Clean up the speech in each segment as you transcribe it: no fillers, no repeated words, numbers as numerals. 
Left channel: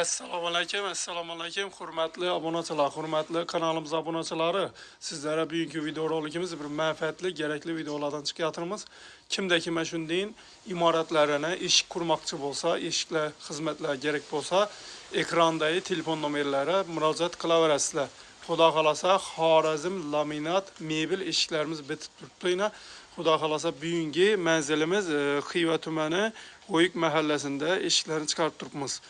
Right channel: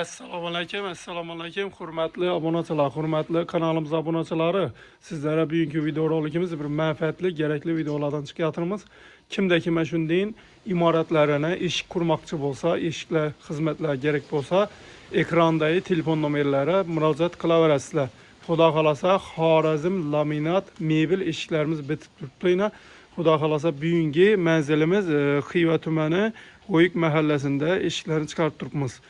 Assalomu alaykum, hurmatli obunachilar, hurmatli kanalimiz obunachilari. Sizlarga bugungi video rolikimiz bir manfaatli, kerakli videolardan chiqyapmiz. Kimdaki mana shunday imoratlarni eshik qurmoqchi bo'lsa, eshiklar xizmatlar kerak bo'lsa, ekrandagi telefon nomerlari murojaat qilaverasizlar. Xudo xolasa Xorazm laminat mebel eshiklarimiz bitib turibdi. Xudo xolasa bugungi manzilimiz Xiva tumani Qo'yiq mahallasida eshiklarni chiqarib turibmiz.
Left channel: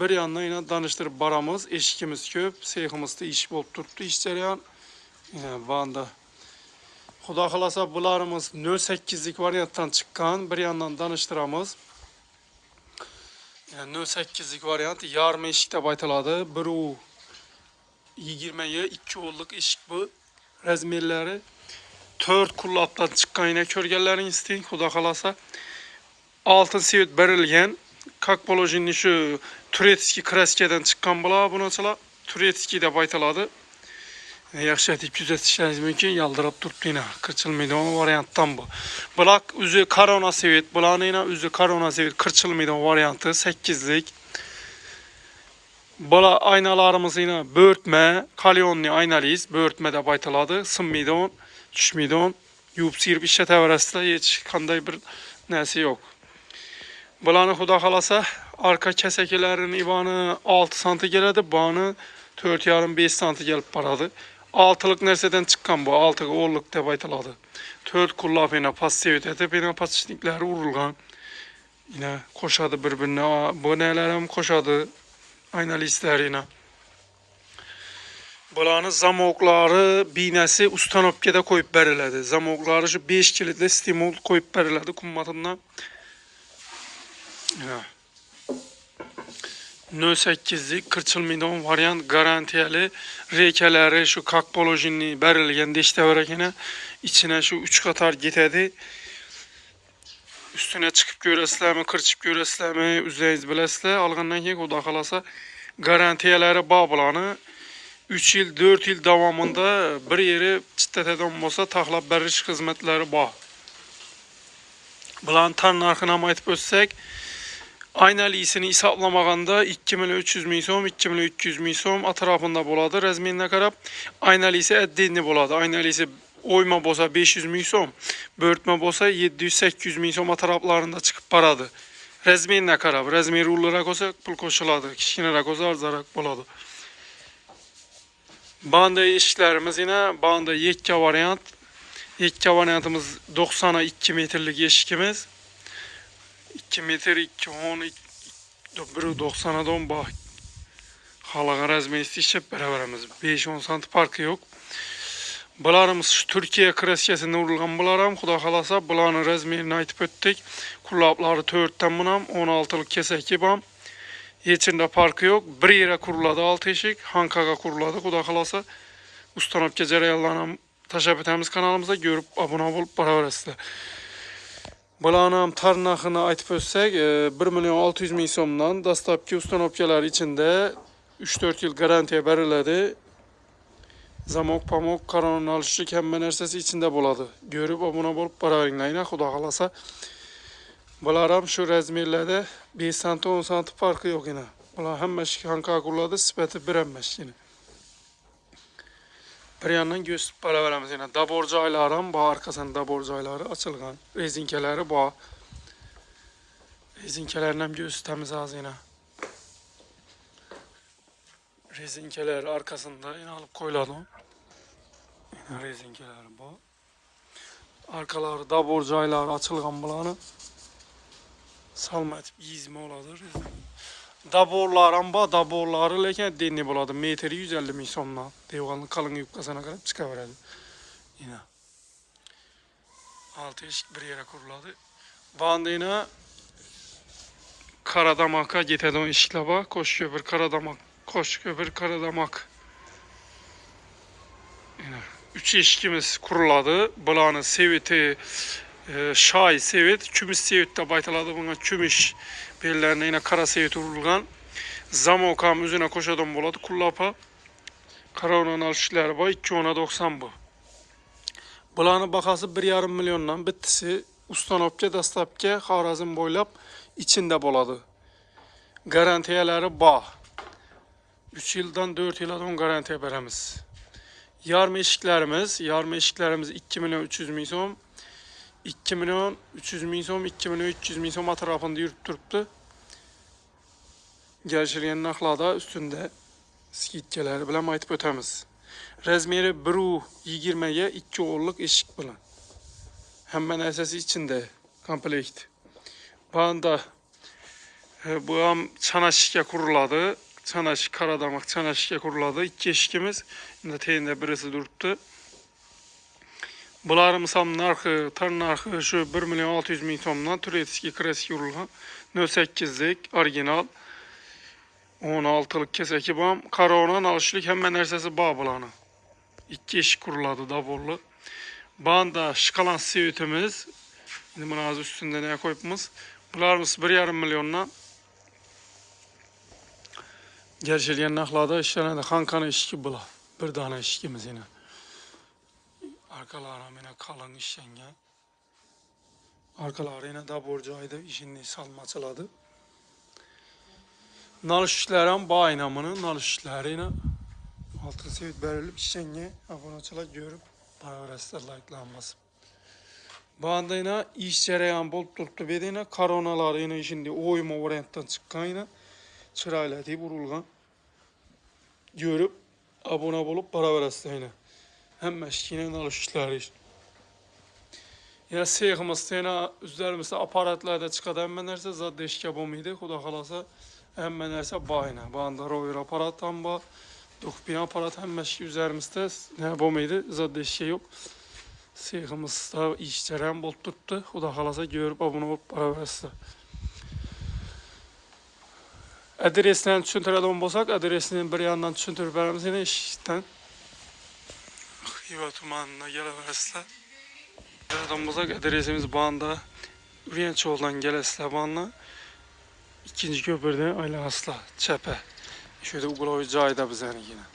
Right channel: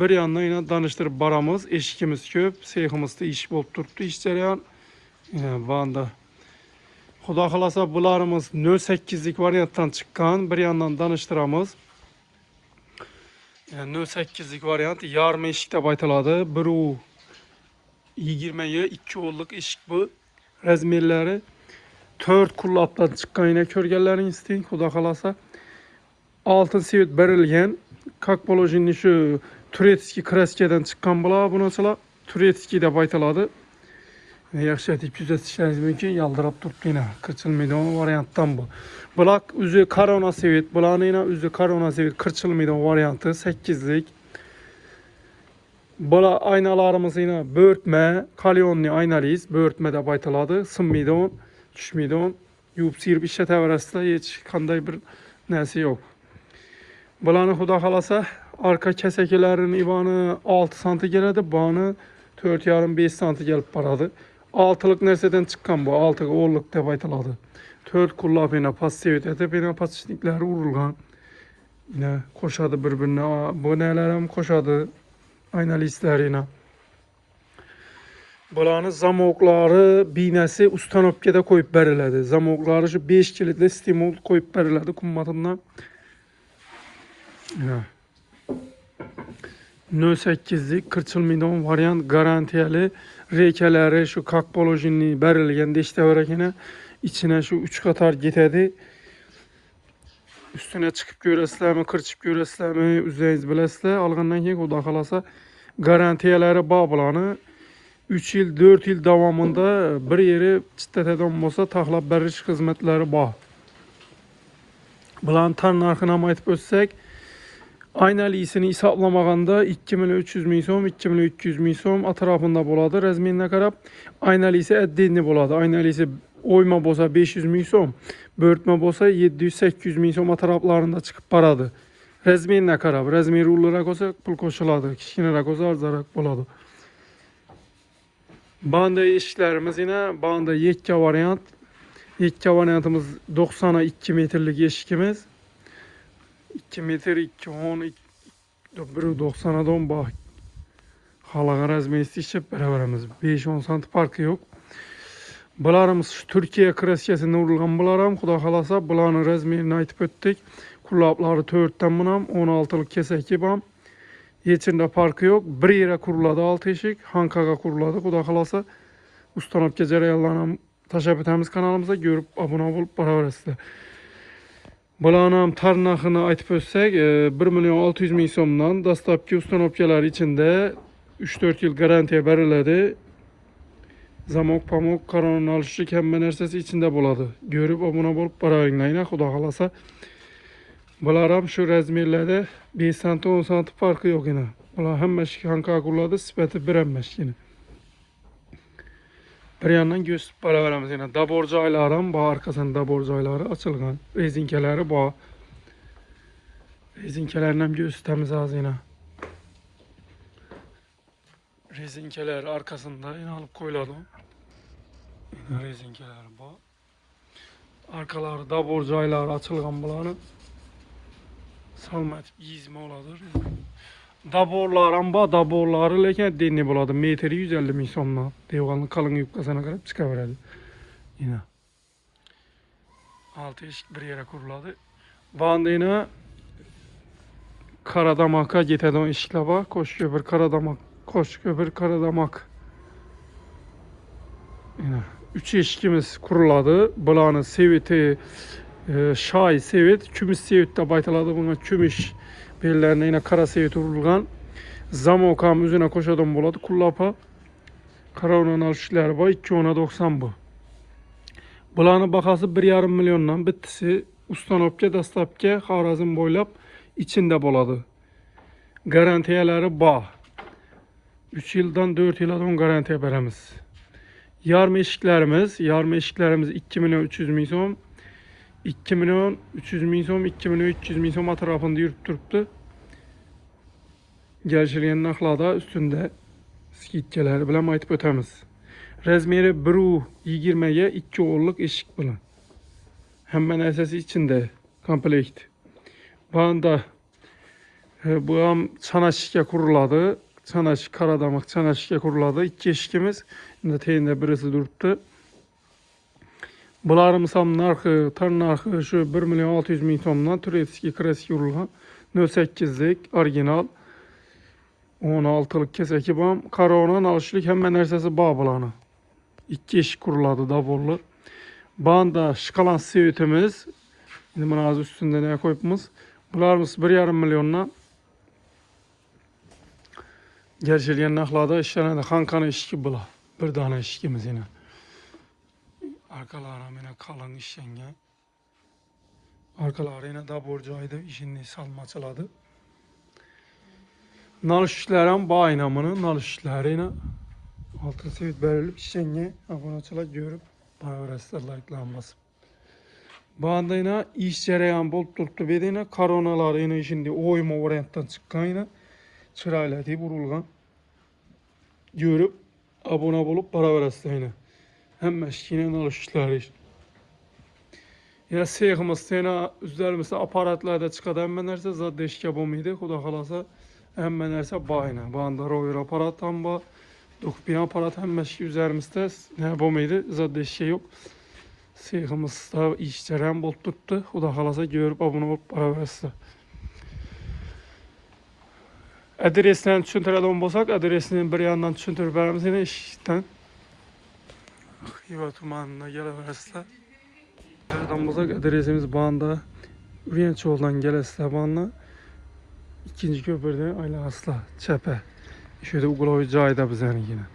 Bir yandan yine danıştırıp baramız, eşikimiz köp, seyhimizde iş bulup turuptu, iş jarayan. Vanda. Xudo xolasa bularımız 08'lik varianttan çıkan, bir yandan danıştıramız. 08'lik variant, yarım eşik de baytaladı. Bir u 20'ye 2 olduk eşik bu. Razmerleri 4 kullaptan çıkan yine körgellerin isteyin, Xudo xolasa. Altın sevit berilgen, как положение şu Turetski kraskeden çıkan bula bunaçılar Turetski de baytaladı. Yaxşı etip düzeltişleriniz mümkün, yaldırıp turuptu yine. Kırçılmaydı o varianttan bu. Bulak üzü karona sevit, bulağın yine üzü karona sevit kırçılmaydı o variantı 8'lik. Bula aynalarımız yine börtme, kalyonlu aynalıyız. Börtme de baytaladı. Sınmaydı on, düşmeydi on. Yuvp sirip işe tevrasıyla hiç kanday bir nesi yok. Bulanı Xudo xolasa arka kesekelerin ivanı 6 santi geledi, bağını 4,5-5 santi gelip baradı. 6'lık nerseden çıkan bu, 6 10'luk deb aytıladı. 4 kullap yine pas sevit edip yine pasçnikleri urulgan. Yine koşadı birbirine, bu nelerim koşadı, aynalı isler yine. Bulanı zamokları binesi ustanopkede koyup beriledi. Zamokları şu 5 kilitli stimul koyup beriledi kummatından. 08'lik kırçılmaydan variant garantiyeli rekeleri şu kakbolojini berilgen deşte verekene içine şu 3 katar gitedi. Üstüne çıkıp göresizlermi, kırçıp göresizlermi, üzeriniz bilesizler. Alğandan ki Xudo xolasa garantiyeleri bağ bulanı 3 yıl 4 yıl davamında bir yeri çıtteteden olsa taxlap beriş hizmetleri bağ. Bulan tar narxına aytıp ötsek aynalı iyisini hesaplamaganda 2.300 min so'm, 2.300 min so'm atrafında boladı. Razmerine qarab aynalı ise eddinli boladı. Aynalı ise oyma bolsa 500 min so'm, börtme bolsa 700-800 min so'm atraflarında çıkıp baradı. Razmerine qarab, razmeri ulurarak olsa pul koşuladı, kichkinaroq olsa arzaroq boladı. Banda eshiklarimiz yine banda yekka variant. Yekka variantımız 90'a 2 metrlik eshikimiz. 2 metre 210 1.90'a don bak. Halaga razmeri istişip beraberimiz 5-10 santi farkı yok. Bularımız şu Türkiye kraskesinde urulgan bularım. Xudo xolasa bularning razmerini aytib ötdik. Kullaplari 4'ten bunam, 16'lık keseki bam. Yechinde farkı yok. Bir yere kuruladı 6 eşik, Hankaga kuruladı. Xudo xolasa ustanopga jarayanlarni tashlab etamiz kanalımıza, görüp abone olup berabersizlar. Bulanam tarnağını aytıp ötsek 1.600.000 so'mdan dastlabki ustanopkalar içinde 3-4 yıl garantiye beriledi. Zamok, pamuk, karanın alışı kemme nersesi içinde boladı. Görüp abone olup beraberinglar. Xudo xolasa bular şu razmerlerde 5 santi 10 santi farkı yok yine. Bular hemmeşik Hanka kuruladı, sipeti bir emmeş yine. Bir yandan gösterip beraberimiz yine. Daborcaylarım, bu arkasının daborcayları açılgan. Rezinkeleri bu. Rezinkelerini gösterimiz az yine. Rezinkeler arkasında yine alıp koyuladı. Yine rezinkeleri bu. Arkaları daborcayları açılgan bulanı. Salma etip yizme oladır. Daborlarım bu, daborları leken denli buladı. Metri 150 min so'mdan. Devganın kalın yupkasına karab çıkaveradi. Yine. 6 eşik bir yere kuruladı. Banda yine Karadamak'a geteden eşikle bak. Koş köpür Karadamak. Koş köpür Karadamak. Yine. 3 eşikimiz kuruladı. Bulanın seviti şay sevit. Kümüş sevit de baytaladı. Buna kümüş bellerine yine kara sevit urulgan. Zamokam üzerine koşadan buladı. Kullapa. Karaonan alışıkları var. 2.90 bu. Bulanın bakası 1,5 milyondan bittisi ustanopka dastlabki Xorazm boylab içinde boladı. Garantiyaları bağ. 3 yıldan 4 yıla don garantiya beremiz. Yarım eşiklerimiz 2 milyon 300 bin so'm, 2 milyon 300 bin so'm, 2 milyon 300 bin so'm atrafında yürüp turuptu. Gelişirgen naklada üstünde skitkeleri bilen aytıp ötemiz. Razmeri 1.20'ye 2 oğulluk eşik bilen. Hemen esası içinde komplekt. Banda bu am çanaşike kuruladı. Çanaşik karadamak çanaşike kuruladı. 2 eşikimiz. Şimdi teyinde birisi duruptu. Bularımız ham narxı, tar narxı şu 1 milyon 600 bin so'mdan Turetski klasik urulgan 08'lik orijinal 16'lık keseki bam. Karaonan alışlık hemen nersesi bağ bulanı. 2 eşik kuruladı dabollu. Banda şıkalan sevitimiz. Şimdi bunu az üstünde ne koyupmuz. Bularımız 1,5 milyondan gerçekten naklada işlerine de kankanı eşki bula. Bir tane eşkimiz yine. Arkalara yine kalın işlengen. Arkaları yine da borcaydı. İşini salmaçıladı. Nalış işlerim bağ inamını. Nalış işleri yine altın sevit verilip işlengen. Abonaçılar görüp bana öğretsinler like'lanmasın. Bağında yine iş cereyan bol turptu ve yine karonaları yine şimdi oyma varianttan çıkan yine çırayla deyip vurulgan. Görüp abone olup para öğretsinler yine. Hem meşkine nalış işleri işte. Ya seyximiz yine üzərimizdə aparatlarda çıxada hemen nersə zad deşkə bomuydu. Xuda xalasa hemen nersə bayına. Banda rover aparattan ba. Dokupin aparat hem meşki üzerimizdə ne bomuydu. Zad deşkə yok. Seyximizdə işçərəm bol tuttu. Xuda xalasa görüp abone olup para versə. Adresini düşüntürədən bolsaq, adresini bir yandan düşüntürüp verəmiz yine işten. Xiva tumanına gələ versə. Nereden bulsak adresimiz Bağında Ürençoğlu'dan gelesle Bağında ikinci köprüde Ayla Asla Çepe. Şöyle Ugloy Cayda bize yine.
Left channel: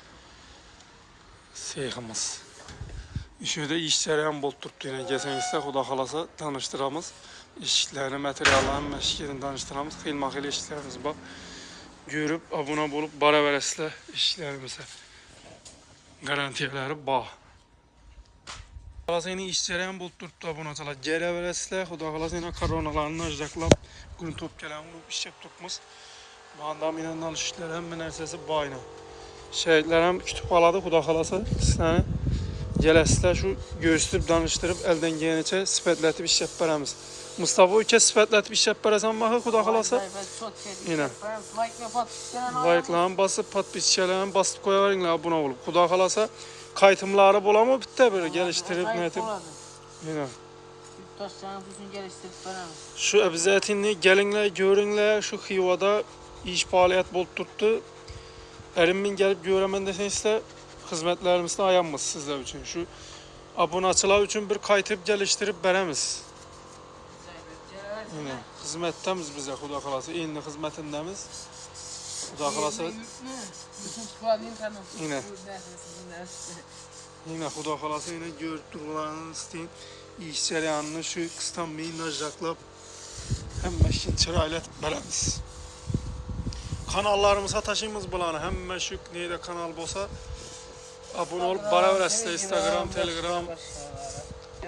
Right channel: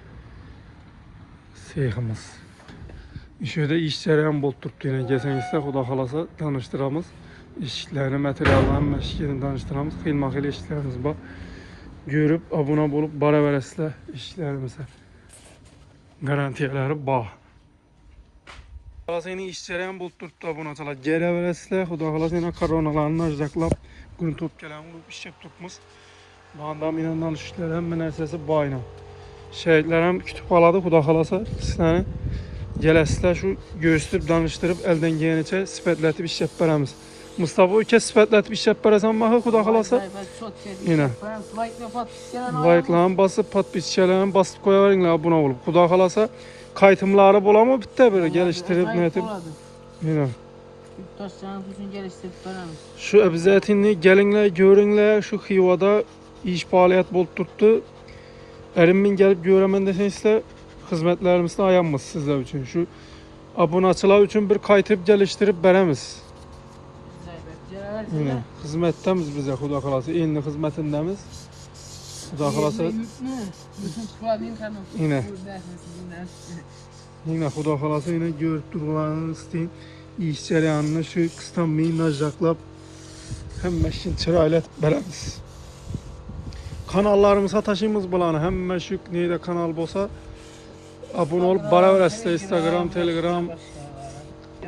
Seyximiz. Şöyle işçilerin bol tuttu yine. Geçen ise Xuda xalasa tanıştıramız. İşçilerini, materyallerini, meşkilerini tanıştıramız. Xilmaxil işçilerimiz var. Görüp abone olup bara veresle işçilerimize. Garantiyeleri bağ. Xalasını işçilerin bol tuttu abonaçılar. Geri veresle Xuda xalasını koronalarını ajdaklap gün top gelen vurup işçek tutmuz. Bağındam inandan işçiler hem menersesi bayına. Şehitlerim kütüp aladı Xuda xalasa. İkisini gelesle şu göğüstürüp danıştırıp elden giyenice sifetletip işçek veremiz. Mustafa ülke sifetletip işçek veresen bakı Xuda xalasa. Yine. Like'larını basıp patpişçelerini basıp koyavarinler abone olup. Xuda xalasa. Kayıtımları bulamı bitti böyle geliştirip netim. Yine. Şu ebzetinli gelinle görünle şu Xivada iş faaliyet bol tuttu. Erimmin gelip göremen deseniz hizmetlerimizde ayanmız sizler için. Şu abonaçılar için bir kayıtıp geliştirip veremiz. Yine hizmettemiz bize Xuda xalasa. Yine hizmetindemiz. Xuda xalasa. Yine Xuda xalasa yine görüp durgularını isteyin. İş cereyanını şu kıstanmayı najdaklap hem meşin çırayla beremiz. Kanallarımıza taşıyımız bulanı hem meşin neyde kanal bolsa abone olup bara verəsiniz. Instagram, Telegram,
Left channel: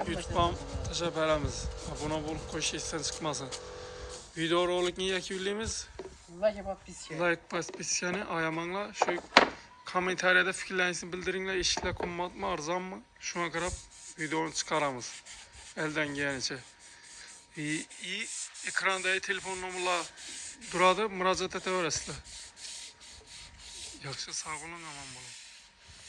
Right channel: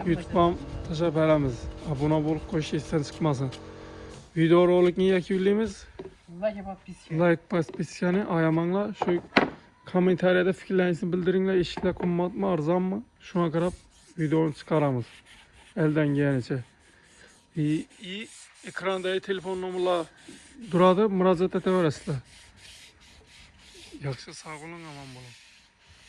YouTube'dan taşa beremiz. Abone olup koş işten çıkmasın. Video rolik niye yakıyoruz? Like paspisyanı ayamanla şu komentariyada fikirlerinizi bildirinler. Eşikler konmat mı arzan mı? Şuna kadar videonu çıkaramız. Elden gelenice. İyi ekranda telefon numaralı duradı. Müracaat edebilirsiniz. Yaxşı sağ olun, aman olun.